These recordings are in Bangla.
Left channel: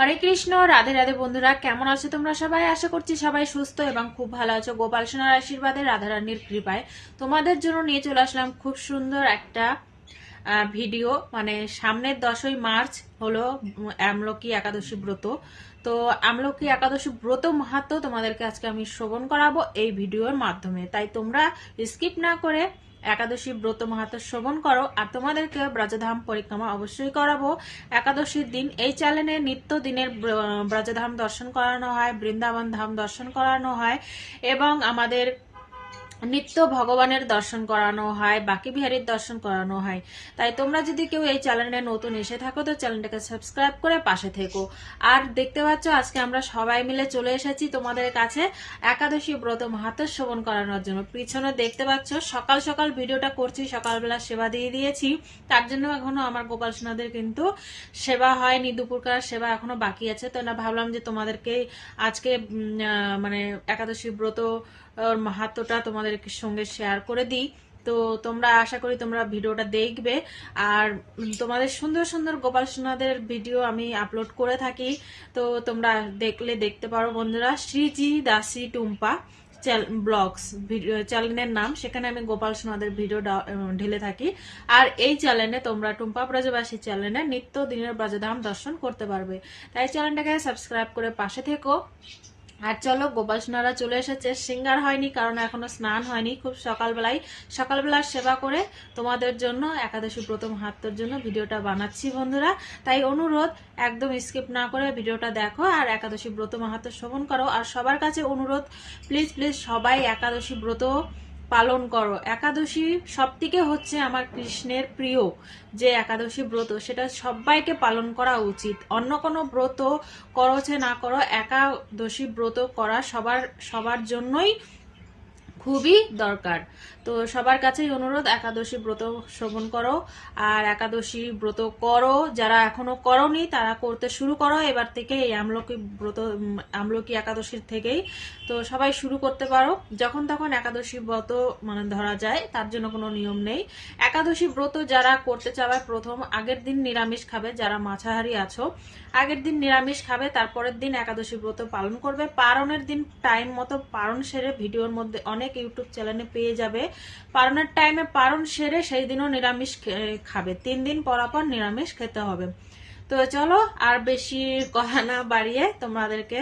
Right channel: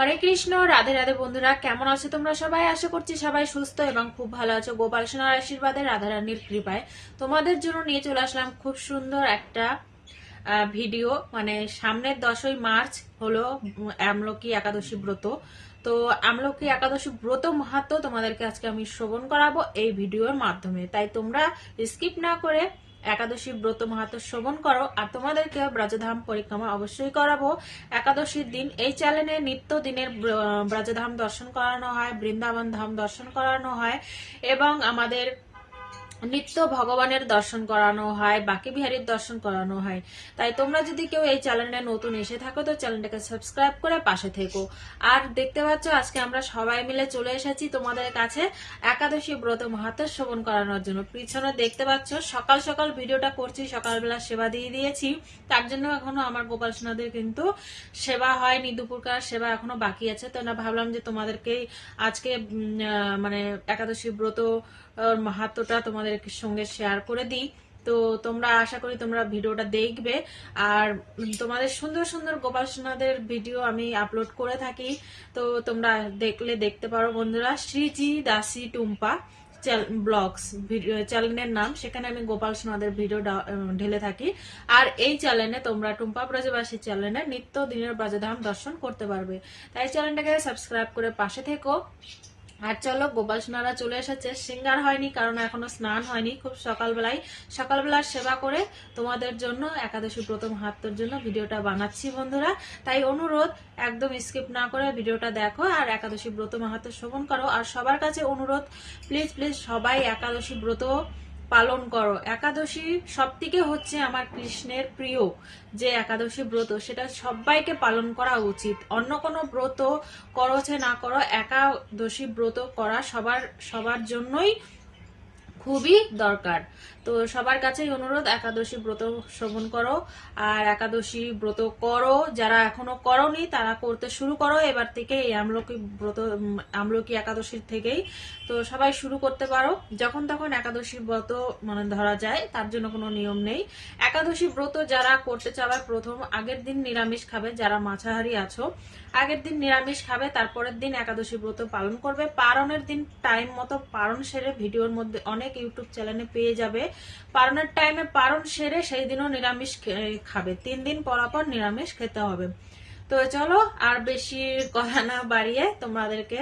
হরে কৃষ্ণ, রাধে রাধে বন্ধুরা, কেমন আছো তোমরা সবাই? আশা করছি সবাই সুস্থ এবং খুব ভালো আছো। গোপাল সোনার আশীর্বাদে রাধারানীর কৃপায় তোমাদের জন্য নিয়ে চলে আসলাম খুব সুন্দর একটা ভিডিও মানে সামনের দশই মার্চ হলো আমলকি একাদশী ব্রত। তো আমলকি একাদশী ব্রত মাহাত্ম তোমাদেরকে আজকে আমি শ্রবণ করাবো এই ভিডিওর মাধ্যমে। তাই তোমরা স্কিপ না করে একাদশী ব্রত মাহাতো শ্রবণ করো, আর তোমাদেরকে ব্রজধাম পরিক্রমা অবশ্যই করাবো। একাদশীর দিন এই চ্যানেলে নিত্য দিনের ব্রজধাম দর্শন করানো হয়, বৃন্দাবন ধাম দর্শন করানো হয়, এবং আমাদের নিত্য ভগবানের দর্শন করানো হয়, বাকি বিহারীর দর্শন করানো হয়। তাই তোমরা যদি কেউ এই চ্যানেলে নতুন এসে থাকো, তো চ্যানেলটাকে সাবস্ক্রাইব করে পাশে থেকো। আর দেখতে পাচ্ছ, আজকে আমরা সবাই মিলে চলে এসেছি তোমাদের কাছে একাদশী ব্রত মাহাত্ম শ্রবণ করানোর জন্য। পিছনে দেখতে পাচ্ছ, সকাল সকাল ভিডিওটা করছি, সকালবেলা সেবা দিয়ে দিয়েছি। তার জন্য এখনও আমার গোপাল সোনাদের কিন্তু সেবা হয়নি, দুপুরকার সেবা এখনও বাকি আছে। তো না, ভাবলাম যে তোমাদেরকে আজকে মানে একাদশী ব্রত ওর মাহাত্মটা তোমাদের সঙ্গে শেয়ার করে দিই। তো তোমরা আশা করি তোমরা ভিডিওটা দেখবে। আর তোমাদের সুন্দর সুন্দর গোপাল সোনাদের ভিডিও আমি আপলোড করে থাকি। তো তোমরা দেখলে দেখতে পারো বন্ধুরা, শ্রীজি দাসী টুম্পা ব্লগস চ্যানেলের নাম। সেখানে আমি গোপাল সোনাদের ভিডিও ঢেলে থাকি। আর এই চ্যানেলে তোমরা টুম্পা ব্রজবাসী চ্যানেলে নিত্য দিনের ব্রজধাম দর্শন করতে পারবে। তাই চ্যানেলটাকে সাবস্ক্রাইব করে পাশে থেকো। আর চলো গোপাল সোনারা চলে এসেছে। সিঙ্গার হয়নি, কারণ এখনও স্নান হয়নি। খুব সকালবেলায়, সকালবেলার সেবা করে তোমাদের জন্য একাদশী প্রথম হাতের জন্য ভিডিওটা বানাচ্ছি বন্ধুরা। তাই অনুরোধ, একদম স্কিপ না করে ভিডিওটা দেখো আর একাদশী ব্রত মাহাত্ম শ্রবণ করো। আর সবার কাছে অনুরোধ প্লিজ প্লিজ সবাই একাদশী ব্রত পালন করো। একাদশী সব থেকে হচ্ছে আমার কৃষ্ণের প্রিয় যে একাদশী ব্রত, সেটা সবাইকে পালন করা উচিত। অন্য কোনো ব্রত করছে না করো, একাদশী ব্রত করা সবার সবার জন্যই খুবই দরকার। তো সবার কাছেই অনুরোধ, একাদশী ব্রত শ্রবণ করো। আর একাদশী ব্রত করো, যারা এখনও করনি, তারা করতে শুরু করো। এবার থেকে এই আমলকি ব্রত আমলকি একাদশীর থেকেই তো সবাই শুরু করতে পারো। যখন তখন একাদশী ব্রত মানে ধরা যায়, তার জন্য কোনো নিয়ম নেই। একাদশী ব্রত যারা করতে চাওয়ার প্রথম আগের দিন নিরামিষ খাবে, যারা মাছাহারি আছো। আগের দিন নিরামিষ খাবে, তারপরের দিন একাদশী ব্রত পালন করবে। পারণের দিন টাইম মতো পারণ সেরে ভিডিওর মধ্যে অনেক ইউটিউব চ্যানেলে পেয়ে যাবে। পারণের টাইমে পারণ সেরে সেই দিনও নিরামিষ খাবে। তিন দিন পরাপর নিরামিষ খেতে হবে। তো চলো, আর বেশি কথা না বাড়িয়ে তোমাদেরকে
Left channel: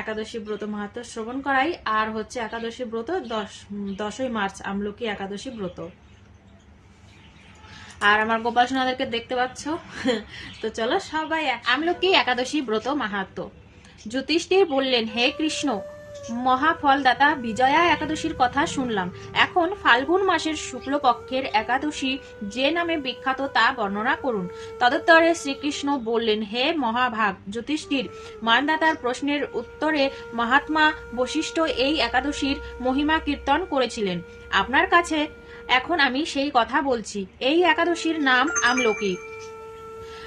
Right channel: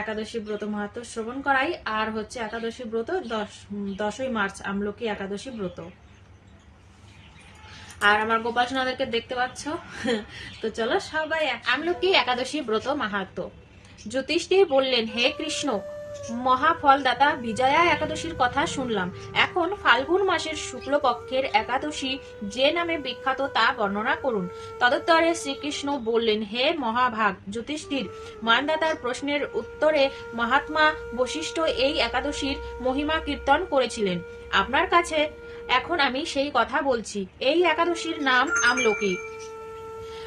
একাদশী ব্রত মাহাত্ম শ্রবণ করাই। আর হচ্ছে একাদশী ব্রত দশ, দশই মার্চ আমলকি একাদশী ব্রত। আর আমার গোপাল দেখতে পাচ্ছ? তো চলো সবাই আমলকি একাদশী ব্রত মাহাত্ম। জ্যোতিষটির বললেন, হে কৃষ্ণ, মহাফলদাতা বিজয়া একাদশীর কথা শুনলাম। এখন ফাল্গুন মাসের শুক্লপক্ষের একাদশী যে নামে বিখ্যাত তা বর্ণনা করুন। তদুত্তরে শ্রীকৃষ্ণ বললেন, হে মহাভাগ জ্যোতিষটির মানদাতার প্রশ্নের উত্তরে মহাত্মা বশিষ্ঠ এই একাদশীর মহিমা কীর্তন করেছিলেন। আপনার কাছে এখন আমি সেই কথা বলছি। এই একাদশীর নাম আমলকি।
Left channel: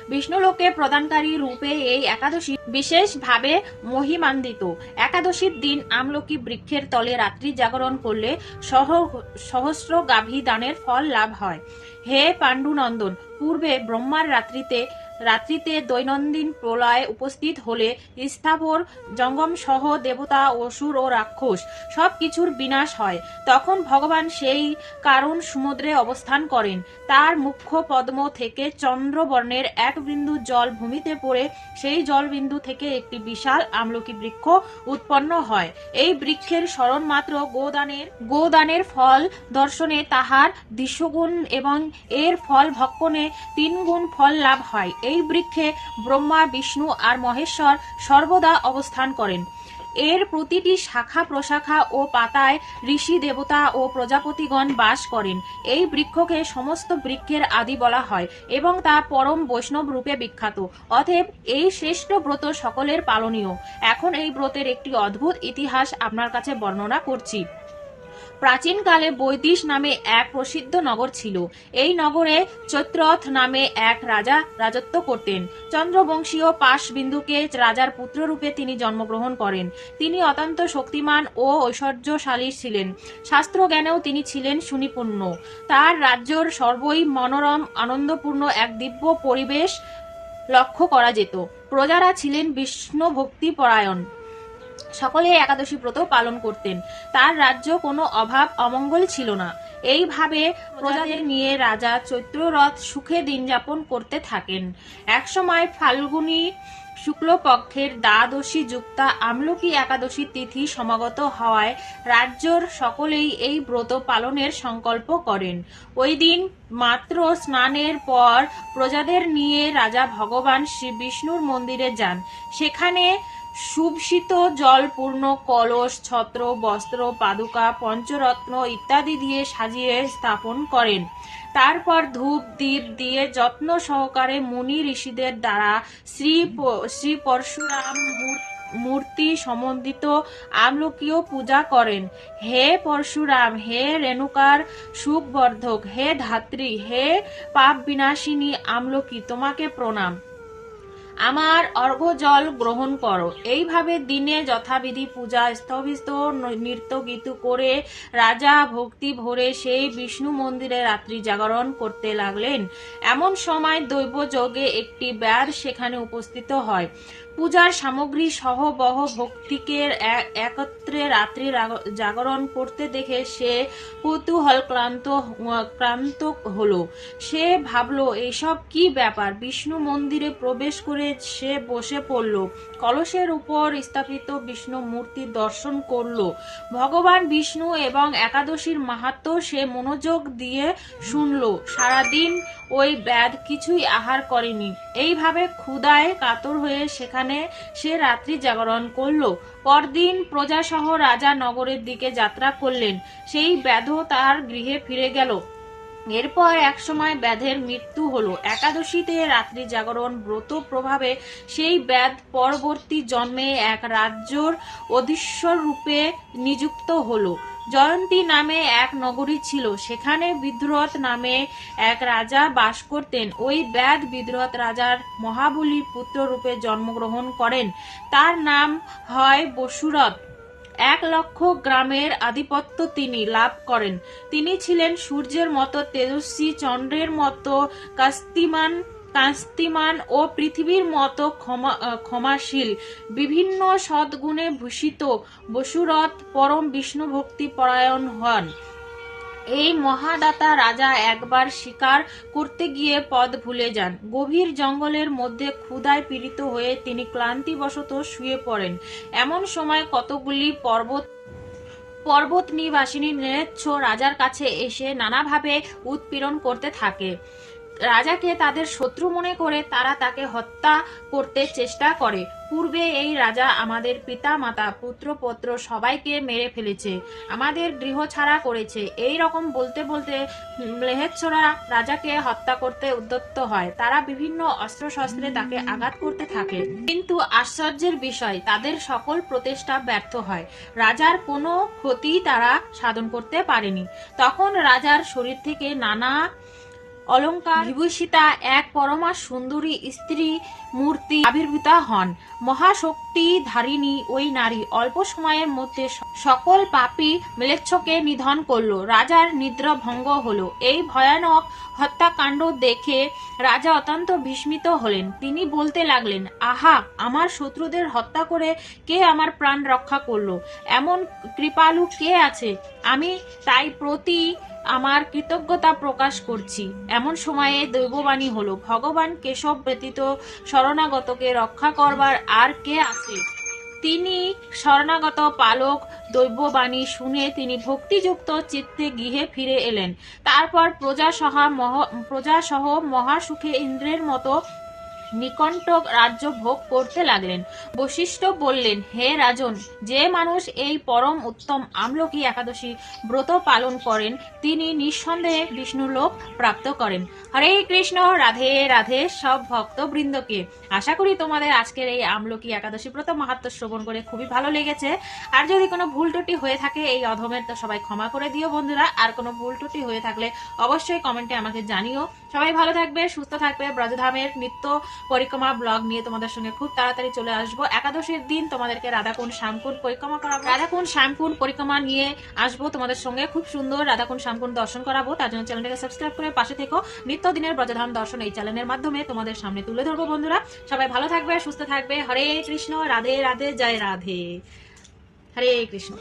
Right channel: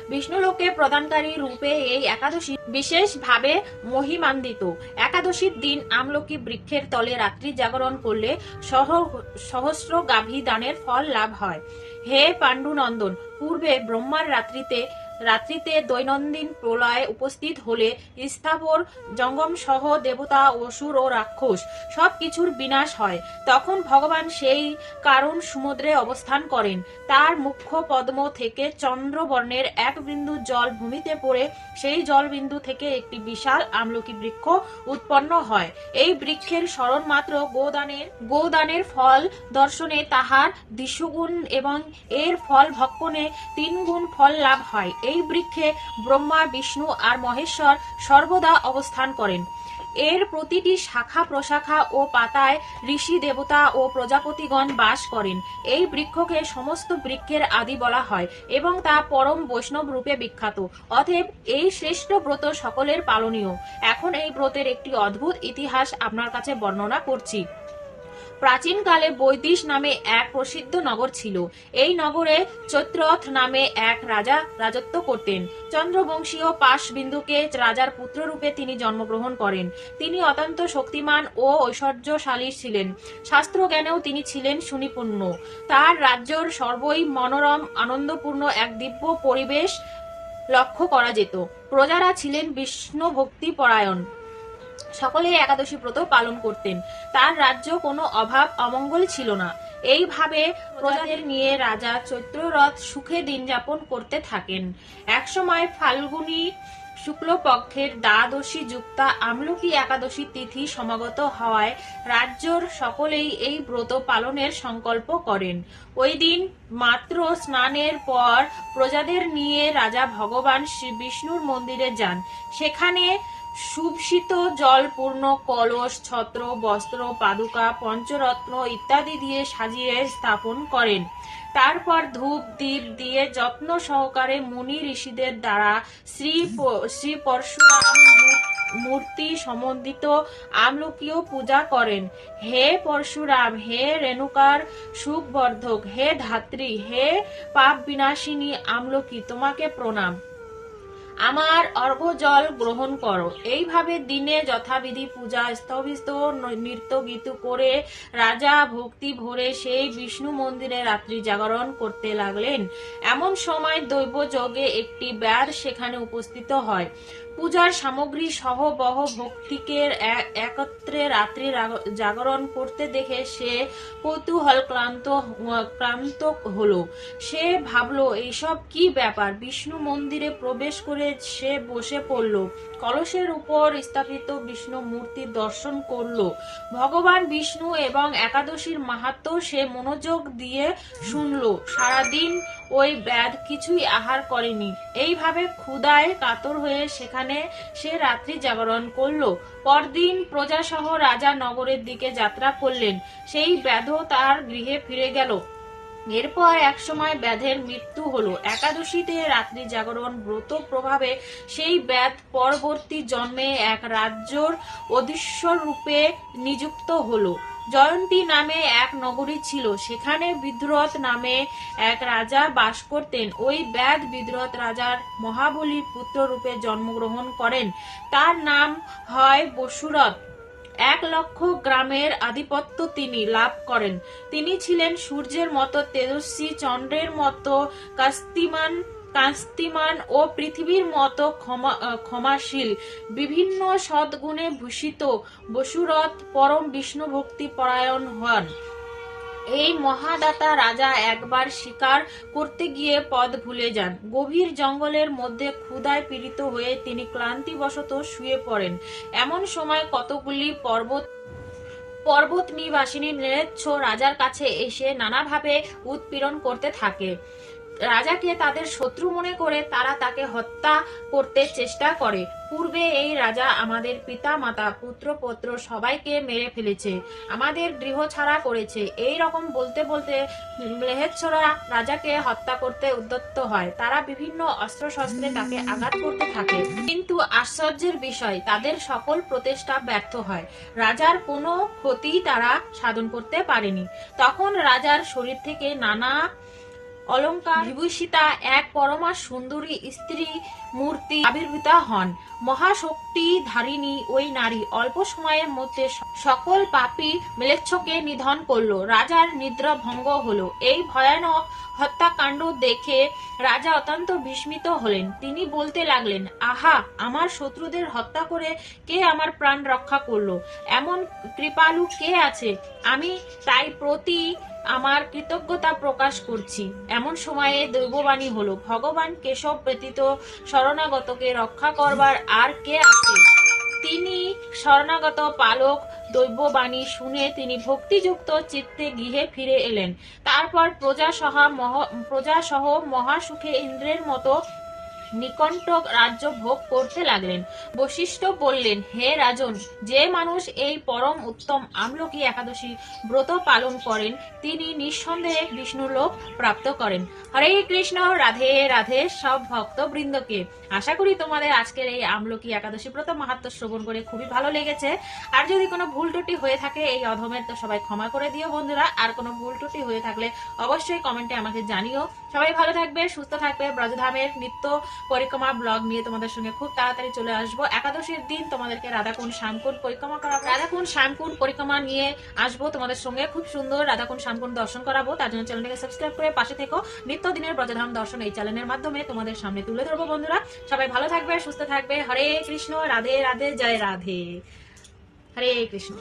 বিষ্ণুলোকে প্রদানকারী রূপে এই একাদশী বিশেষভাবে মহিমান্বিত। একাদশীর দিন আমলকি বৃক্ষের তলে রাত্রি জাগরণ করলে সহ সহস্র গাভী দানের ফল লাভ হয়। হে পাণ্ডুনন্দন, পূর্বে ব্রহ্মার রাত্রিতে রাত্রিতে দৈনন্দিন প্রলয় উপস্থিত হলে স্থাবর জঙ্গম সহ দেবতা, অসুর ও রাক্ষস সব কিছুর বিনাশ হয়। তখন ভগবান সেই কারণ সমুদ্রে অবস্থান করেন। তার মুখ্য পদ্ম থেকে চন্দ্রবর্ণের এক বিন্দু জল ভূমিতে পড়ে, সেই জলবিন্দু থেকে একটি বিশাল আমলকি বৃক্ষ উৎপন্ন হয়। এই বৃক্ষের স্মরণ মাত্র গোদানের গোদানের ফল দর্শনে তাহার দৃশ্যগুণ এবং এর ফল ভক্ষণে তিন গুণ ফল লাভ হয়। এই বৃক্ষে ব্রহ্মা, বিষ্ণু আর মহেশ্বর সর্বদা অবস্থান করেন। এর প্রতিটি শাখা প্রশাখা ও পাতায় ঋষি দেবতা ও প্রজাপতিগণ বাস করেন। এই বৃক্ষকে সমস্ত বৃক্ষের আদি বলা হয় এবং তা পরম বৈষ্ণব রূপে বিখ্যাত। অতএব এই শ্রেষ্ঠ ব্রত সকলের পালনীয়। এখন এই ব্রতের একটি অদ্ভুত ইতিহাস আপনার কাছে বর্ণনা করছি। প্রাচীনকালে বৈদিশ নামে এক প্রসিদ্ধ নগর ছিল। এই নগরে চৈত্রথ নামে এক রাজা রাজত্ব করতেন। চন্দ্রবংশীয় পাশবিন্দুকে রাজার পুত্ররূপে তিনি জন্মগ্রহণ করেন। তিনি অত্যন্ত শক্তিমান ও ঐশ্বর্যশালী ছিলেন। শাস্ত্র জ্ঞানেও তিনি ছিলেন সুনিপুণ্য। তার রাজ্যর সর্বই মনোরম, আনন্দপূর্ণ এক দিব্য পরিবেশ লক্ষ্য করা যেত। প্রজারা ছিলেন বিষ্ণু ভক্তি পরায়ণ সকলে একাদশী ব্রত পালন করতেন। তার রাজ্য কোনো অভাব, অমঙ্গল ছিল না। এইভাবে প্রজাদের নিয়ে রাজা চৈত্ররথ সুখে দিন যাপন করতে থাকেন। একসময় ফাল্গুনী শুক্লপক্ষের দ্বাদশী যুক্তা আমলকি একাদশী তিথি সমাগত হওয়ায় রাজ্যর সকলেই এই ব্রত পালনের সংকল্প করেন। ওই দিন মাত্র স্নানের পর প্রজাদের নিয়ে রাজা ভগবান শ্রী বিষ্ণুর মন্দিরে যান। সেখানে সুবশিত জলপূর্ণ, কলস, ছত্র, বস্ত্র, পাদুকা, পঞ্চরত্ন ইত্যাদি দিয়ে সাজিয়ে স্থাপন করেন। তারপর ধূপ, দীপ দিয়ে যত্ন সহকারে মুনি ঋষিদের দ্বারা শ্রী শ্রী পরশুরাম মূর্তি সম্বন্ধিত আমলকীয় পূজা করেন। হে পরশুরাম, হে রেণুকার সুখবর্ধক, হে ধাত্রী, হে পাপ বিনাশিনী আমলকি, তোমাকে প্রণাম। আমার অর্ঘ্যজল গ্রহণ করো। এইভাবে দিনে যথাবিধি পূজা স্থবিস্ত নৃত্য গীত করে রাজা ভক্তি ভরে সেই বিষ্ণু মন্দিরে রাত্রি জাগরণ করতে লাগলেন। এমন সময় দৈব যোগে একটি ব্যার সেখানে উপস্থিত হয়। পূজার সামগ্রী সহ বহ ভক্তিকে একত্রে রাত্রি জাগরণ করতে দেখে সে কৌতূহল ক্লান্ত ক্লান্ত হলো। সে ভাবলো এইসব কি ব্যাপার? বিষ্ণু মন্দিরে প্রবেশ করে সে বসে পড়ল। কলসের উপর স্থাপিত বিষ্ণু মূর্তি দর্শন করল। ভগবান বিষ্ণু এবং একাদশীর মাহাত্ম সে মনোযোগ দিয়ে শুনল। সারাদিন ওই ব্যাধ কিছুই আহার করেনি। এইভাবে ক্ষুদায় কাতর হয়ে সেখানে সে রাত্রি জাগরণ করল। পরদিন প্রজাসহ রাজা নগরের দিকে যাত্রা করলেন। সেই ব্যাধ তার গৃহে ফিরে গেল। এরপর একসময় ব্যাধের মৃত্যু হলো। একাদশীতে রাত্রি জাগরণ ব্রত প্রভাবে সেই ব্যাধ পরবর্তী জন্মে এক রাজ্যর অধীশ্বর রূপে নিযুক্ত হলো। জয়ন্তী নামে এক নগরী ছিল। সেখানে বিদ্রোহ নামে এক রাজা বাস করতেন। ওই ব্যাধ বিদ্রোহ রাজার মহাবলীর পুত্র রূপে জন্মগ্রহণ করেন। তার নাম হয় বসুরথ। এক লক্ষ গ্রামের আধিপত্য তিনি লাভ করেন। তিনি ছিলেন সূর্যের মতো তেজস্বী, চন্দ্রের মতো কাস্তিমান কাস্তিমান ও পৃথিবীর মতো ক্ষমা ক্ষমাশীল, বিভিন্ন সদ্গুণে ভূষিত বসুরথ পরম বিষ্ণু ভক্তি পরায়ণ হন। এই মহাদাতা রাজা একবার শিকার করতে গিয়ে পদ ভুলে যান। গভীর জঙ্গলের মধ্যে ক্ষুধায় পীড়িত হয়ে তিনি ক্লান্তিবশত শুয়ে পড়েন। এমন সময় কতগুলি পর্বত পর্বত নিবাসিনী ম্লেচ্ছ রাজার কাছে এসে নানাভাবে উৎপীড়ন করতে থাকে। রাজাকে তাদের শত্রু মনে করে তারা তাকে হত্যা করতে চেষ্টা করে। পূর্বে এই রাজা আমাদের পিতা, মাতা, পুত্র, পত্র সবাইকে মেরে ফেলেছে, আমাদের গৃহ ছাড়া করেছে। এই রকম বলতে বলতে ম্লেচ্ছরা রাজাকে হত্যা করতে উদ্যত্ত হয়। তারা বিভিন্ন অস্ত্র শস্ত্রে তাকে আঘাত করতে থাকে। কিন্তু আশ্চর্যের বিষয়, তাদের সকল প্রচেষ্টা ব্যর্থ হয়। রাজার কোনো ক্ষতি তারা সাধন করতে পারেনি। তখন রাজার শরীর থেকে নানা অলঙ্কার বিভূষিতা এক পরমা সুন্দরী স্ত্রী মূর্তি আবির্ভূত হন। মহাশক্তি ধারিণী ওই নারী। অল্প সময়ের মধ্যে সকল পাপী ম্লেচ্ছকে নিধন করল। রাজার নিদ্রা ভঙ্গ হলো। এই ভয়ানক হত্যাকাণ্ড দেখে রাজা অত্যন্ত বিস্মিত হলেন। তিনি বলতে লাগলেন, আহা, আমার শত্রুদের হত্যা করে কে আমার প্রাণ রক্ষা করল? এমন কৃপালু কে আছে? আমি তাই প্রতি আমার কৃতজ্ঞতা প্রকাশ করছি এমন সময়ে দৈববাণী হলো, ভগবান কেশব ব্যতীত শরণাগতকে রক্ষা করবার আর কে আছে? তিনি শরণাগত পালক, দৈববাণী শুনে তিনি ভক্তিযুক্ত চিত্তে গৃহে ফিরে এলেন। তারপর প্রজাসহ মহ, প্রজাসহ মহাসুখে ইন্দ্রের মতো নিকণ্ঠ রাজ্য ভোগ করতে লাগলেন। বশিষ্ঠ বললেন, হে রাজন, যে মানুষ এই পরম উত্তম আমলকি একাদশী ব্রত পালন করেন, তিনি নিঃসন্দেহে বিষ্ণুলোক প্রাপ্ত করেন। হরে কৃষ্ণ, রাধে রাধে, সব ভক্তবৃন্দকে। আশা করি তোমাদের আজকের এই আমলকি একাদশী ব্রত মাহাত্ম শ্রবণ করে খুবই ভালো লেগেছে। আর যদি কোনো ভুল ত্রুটি হয়ে থাকে, এই অধমের তো সবাই ক্ষমা করে দিও বন্ধুরা। আর কোনো ভুল ত্রুটি হয়ে থাকলে অবশ্যই কমেন্টে আমাকে জানিও। সবাই ভালো থাকবে, সুস্থ থাকবে। ব্রজধামের নিত্য পরিক্রমা ব্লগ নিয়ে তোমাদের সঙ্গে খুব তাড়াতাড়ি চলে আসব। একাদশীর দিন তোমাদেরকে রাধাকুণ্ড শ্যামকুণ্ড পরিক্রমা করাবো। রাধাকুণ্ড শ্যামকুণ্ড পরিক্রমা নিয়ে আসব তোমাদের সঙ্গে খুব সুন্দর। রাধাকুণ্ড শ্যামকুণ্ড দর্শন করাবো। তার জন্য চ্যানেলটাকে সাবস্ক্রাইব করে পাশে থেকো। নিত্য দিনের ব্রজধাম দর্শন এই চ্যানেলের মাধ্যমে তোমাদের সামনে তুলে ধরবো বন্ধুরা। সবাই ভালো থাকবে, সুস্থ থাকবে। হরে কৃষ্ণ, রাধে রাধে, জয় রাধে। হরে কৃষ্ণ।